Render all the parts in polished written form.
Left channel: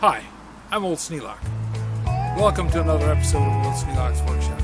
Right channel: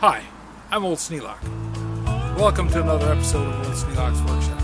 Hi, I'm Old Sneelock. Welcome to another episode of Old Sneelock's Workshop.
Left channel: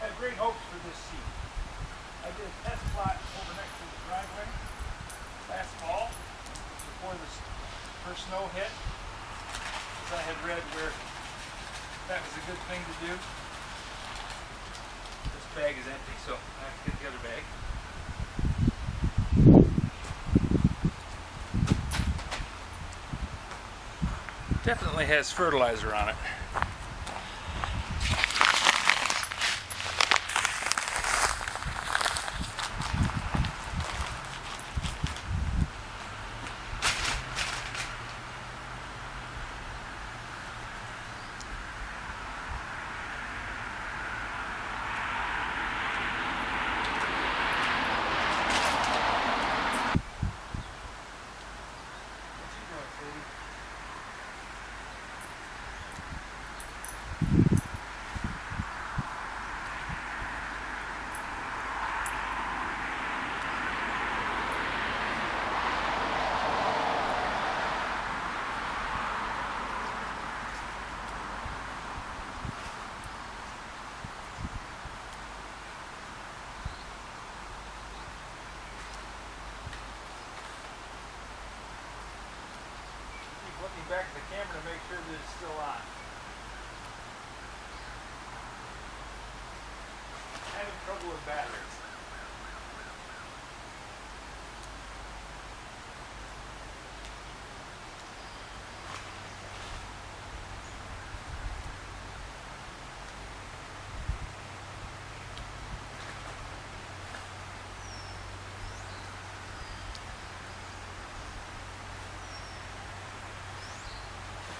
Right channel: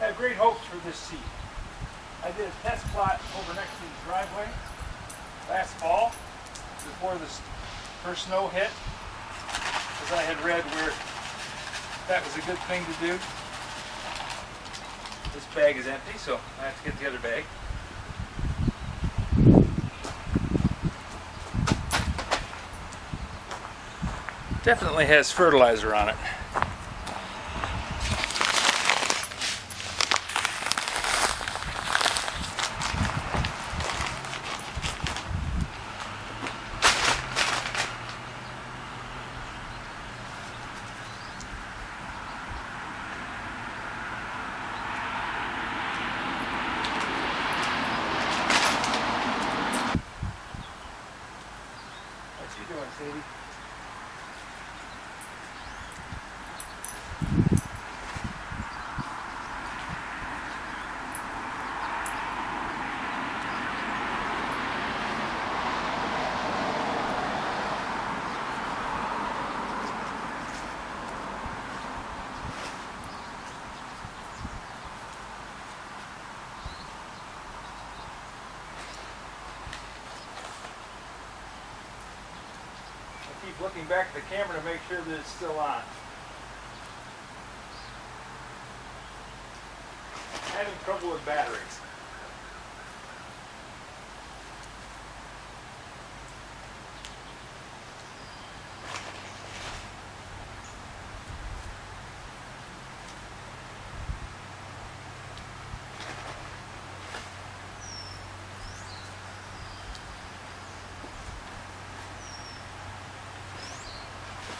I have great hopes for this seed. I did a test plot over next to the driveway last fall before this first snow hit, as I had read where that was a good thing to do. This bag is empty, so I have to get the other bag. Definitely has fertilizer on it. What you doing, Sadie? I keep looking back at the camera to make sure that it's still on. Having trouble with batteries.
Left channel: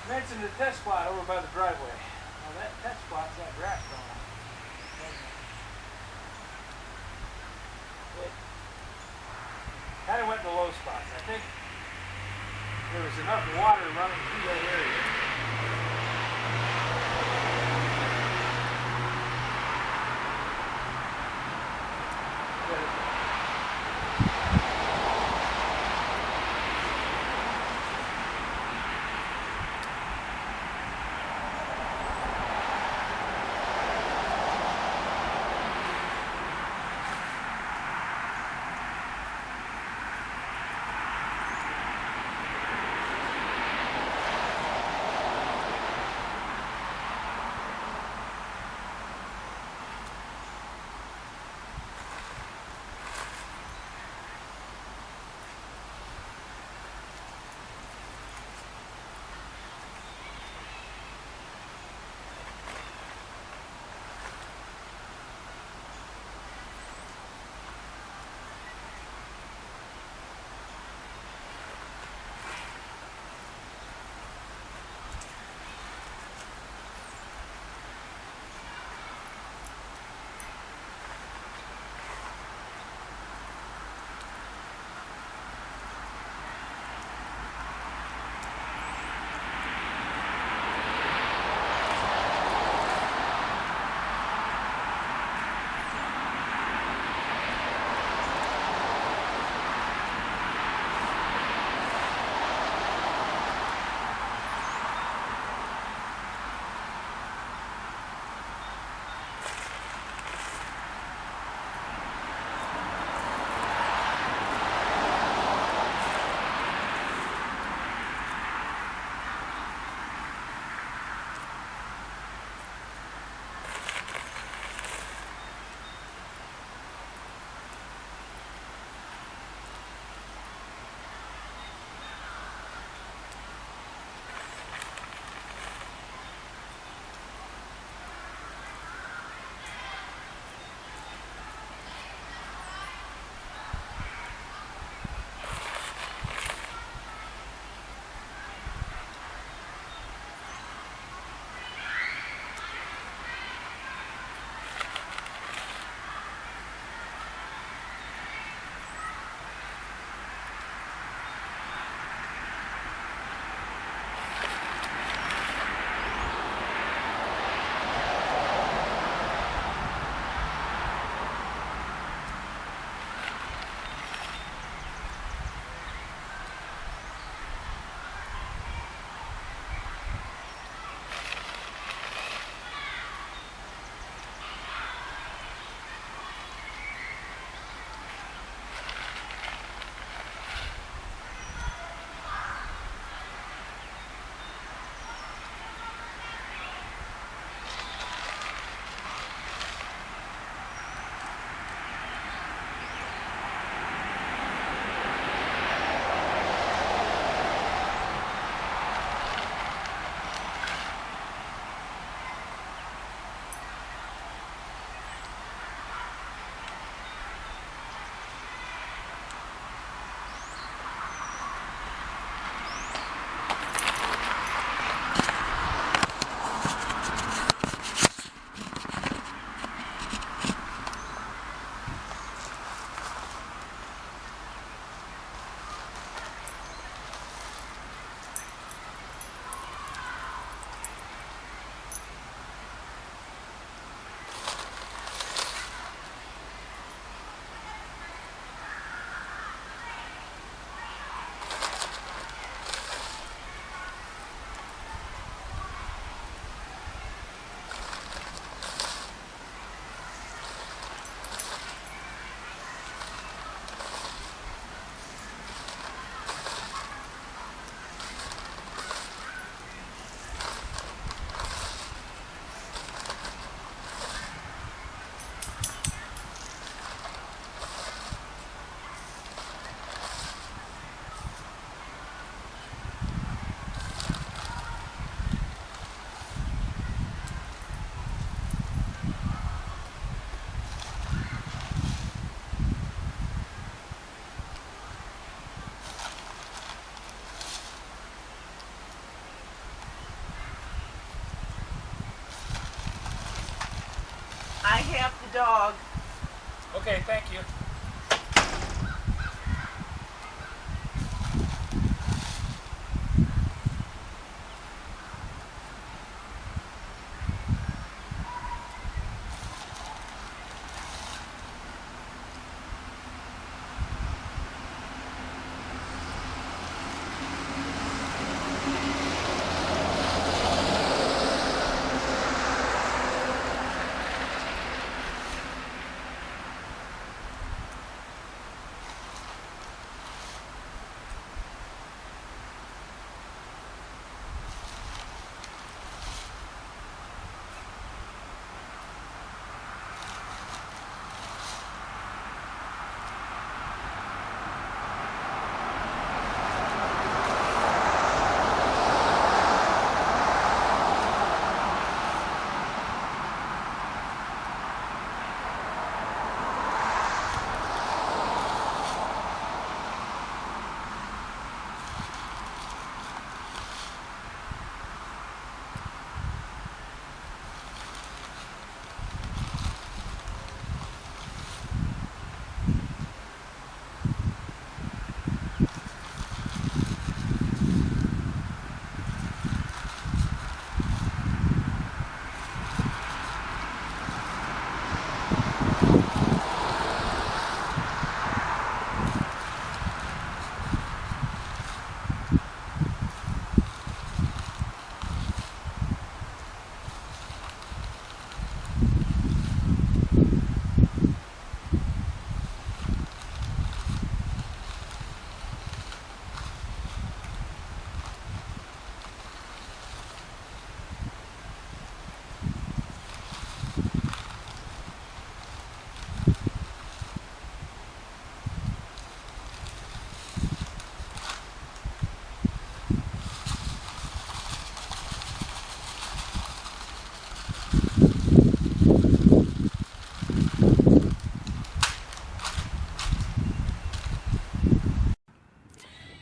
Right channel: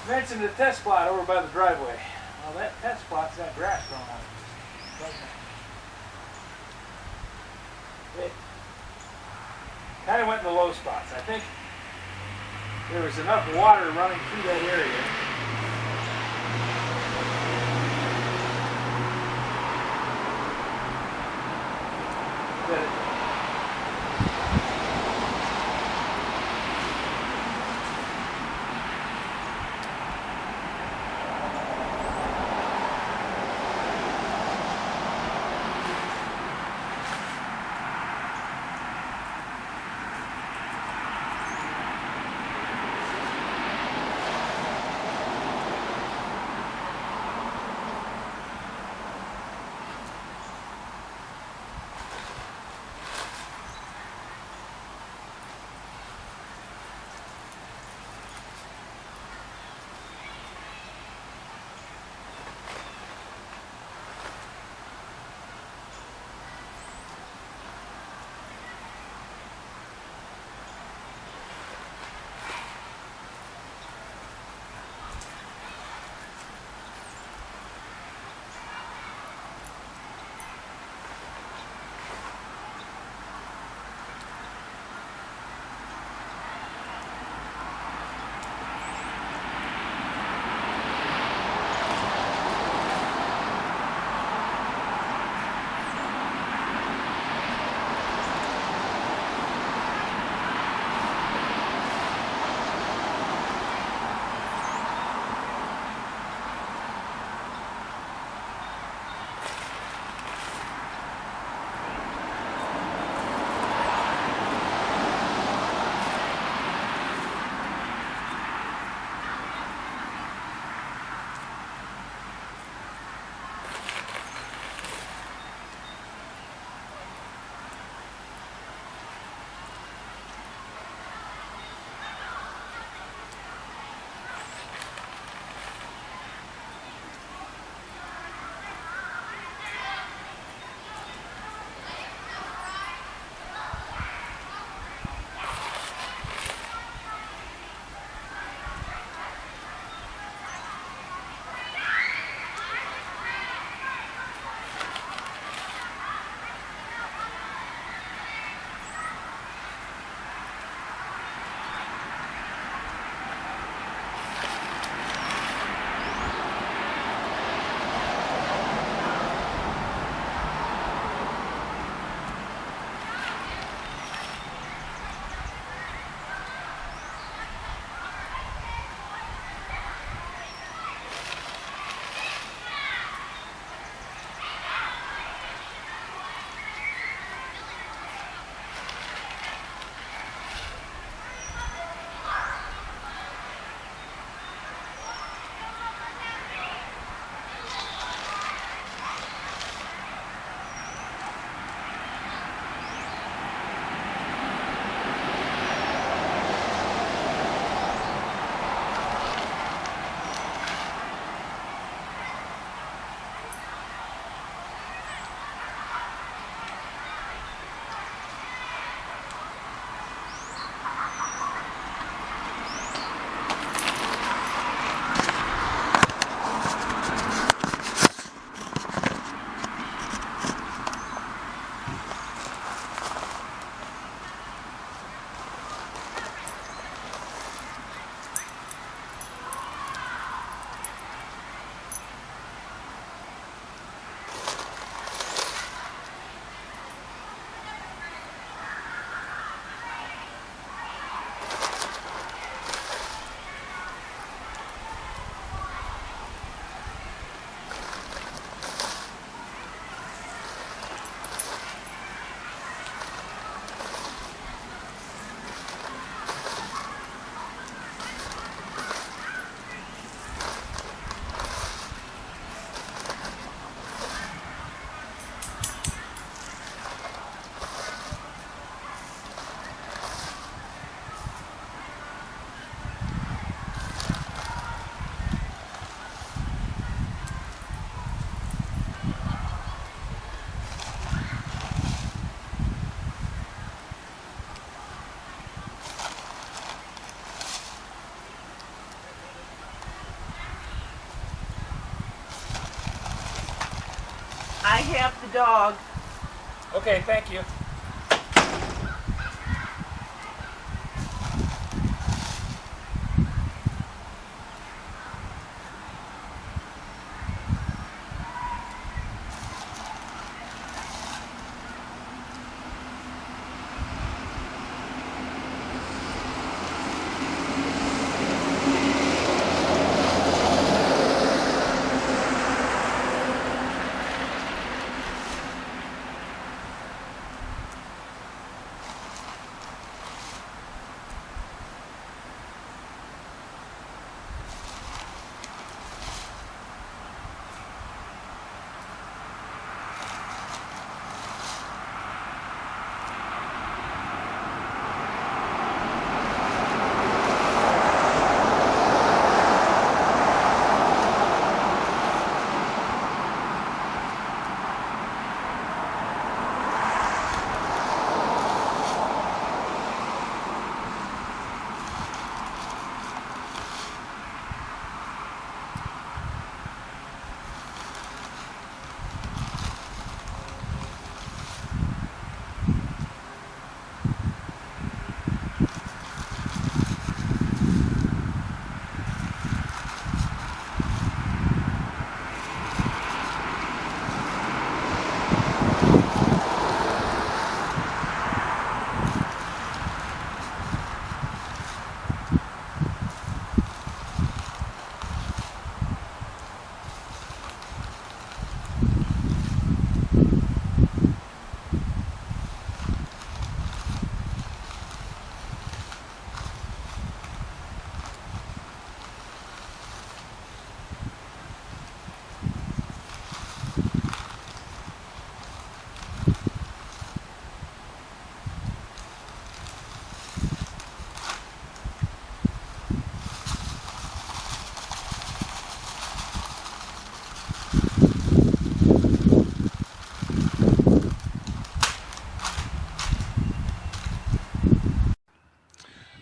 Mentioned the test plot over by the driveway. Well, that test plot's got grass growing on it, doesn't it? It kind of went in the low spots. I think there was enough water running through that area. I have the dog. Okay, thank you.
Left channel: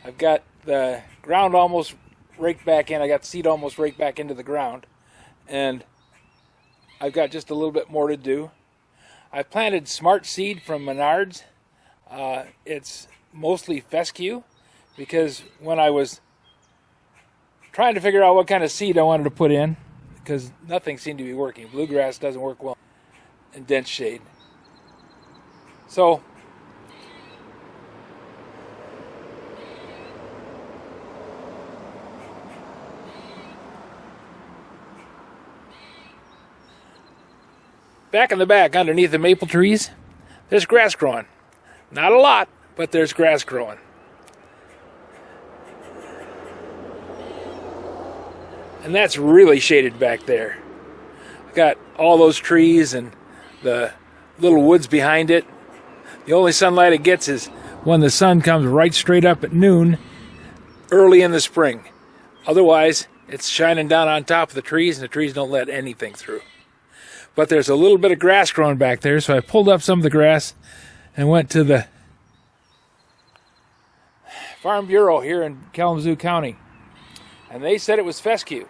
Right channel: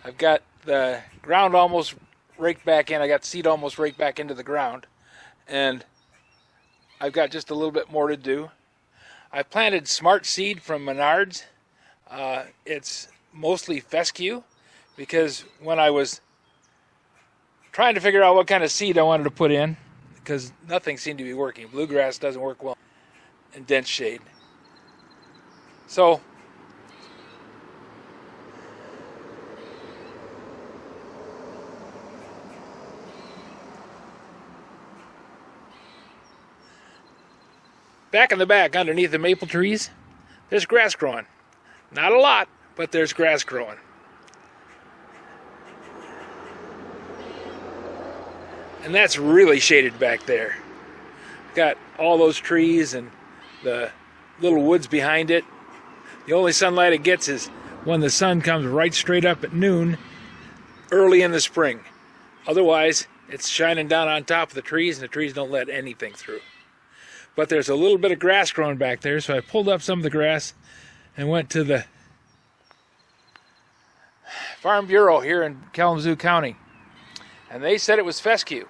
I've got the ground almost raked back in. I got seed almost raked back into the ground. And I've got just a little bit more to do. I planted smart seed from Menards. It's mostly fescue because when I was trying to figure out what kind of seed I wanted to put in, because nothing seemed to be working. Bluegrass doesn't work well in dense shade. So back in the back, underneath the maple trees, there's grass growing. Not a lot, but there's grass growing. And that's really shaded back there. Got all those trees and the little woods behind it. The only sunlight it gets is when the sun comes right straight up at noon, early in the spring. Otherwise, it's shining down on top of the trees, and the trees don't let anything through. But there's a little bit of grass growing back there, so I pulled up some of the grass and went to the Farm Bureau here in Kalamazoo County. And they said it was fescue.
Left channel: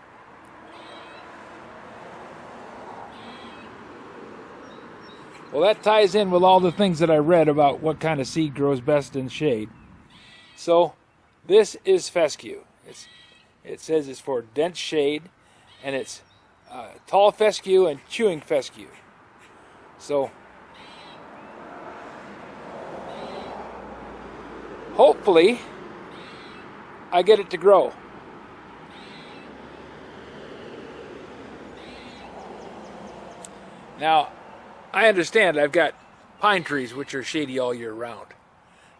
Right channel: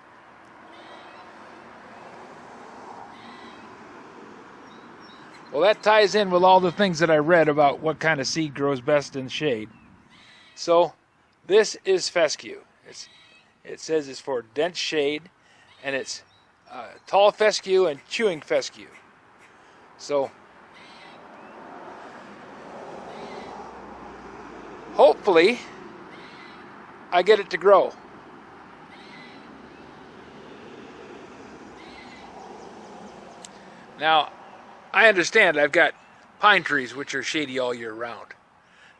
Well, that ties in with all the things that I read about what kind of seed grows best in shade. So, this is fescue. It says it's for dense shade, and it's tall fescue and chewing fescue. So, hopefully, I get it to grow. Now, I understand I've got pine trees which are shady all year round.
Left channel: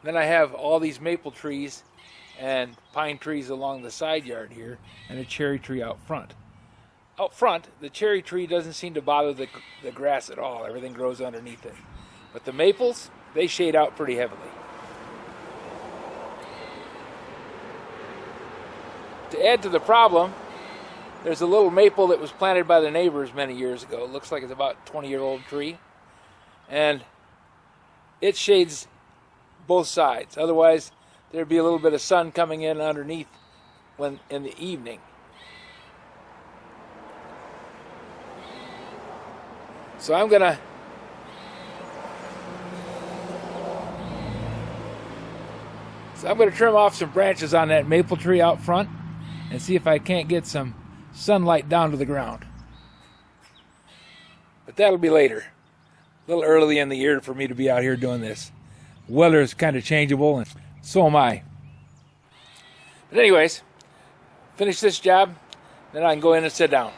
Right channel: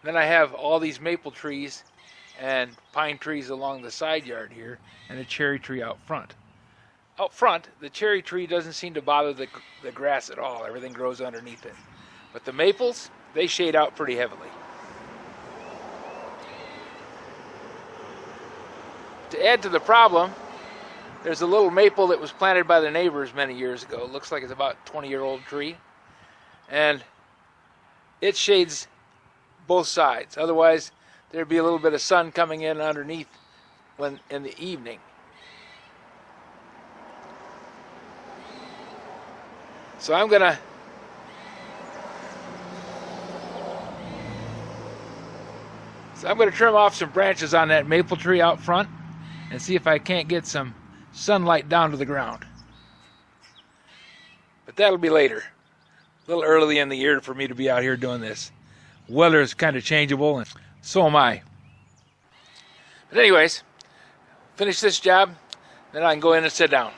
Then I have all these maple trees and pine trees along the side yard here and a cherry tree out front. Out front, the cherry tree doesn't seem to bother the grass at all. Everything grows underneath it. But the maples, they shade out pretty heavily. To add to the problem, there's a little maple that was planted by the neighbors many years ago. It looks like it's about a 20-year-old tree. And it shades both sides. Otherwise, there'd be a little bit of sun coming in underneath when in the evening. So I'm going to So I'm going to trim off some branches on that maple tree out front and see if I can't get some sunlight down to the ground. But that'll be later. A little early in the year for me to be out here doing this. Weather is kind of changeable, and so am I. But anyways, finish this job, then I can go in and sit down.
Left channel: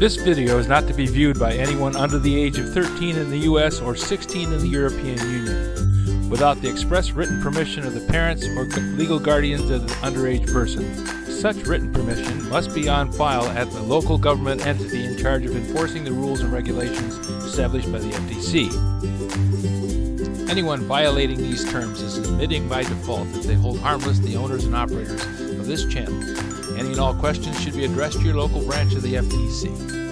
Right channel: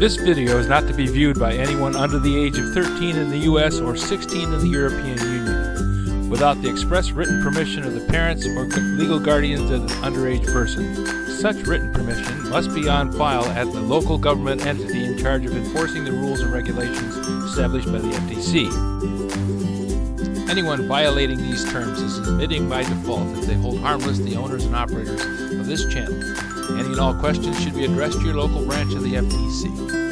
This video is not to be viewed by anyone under the age of 13 in the U.S. or 16 in the European Union, without the express written permission of the parents or legal guardians of the underage person. Such written permission must be on file at the local government entity in charge of enforcing the rules and regulations established by the FTC. Anyone violating these terms is admitting by default that they hold harmless the owners and operators of this channel. Any and all questions should be addressed to your local branch of the FTC.